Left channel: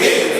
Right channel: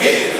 Yeah.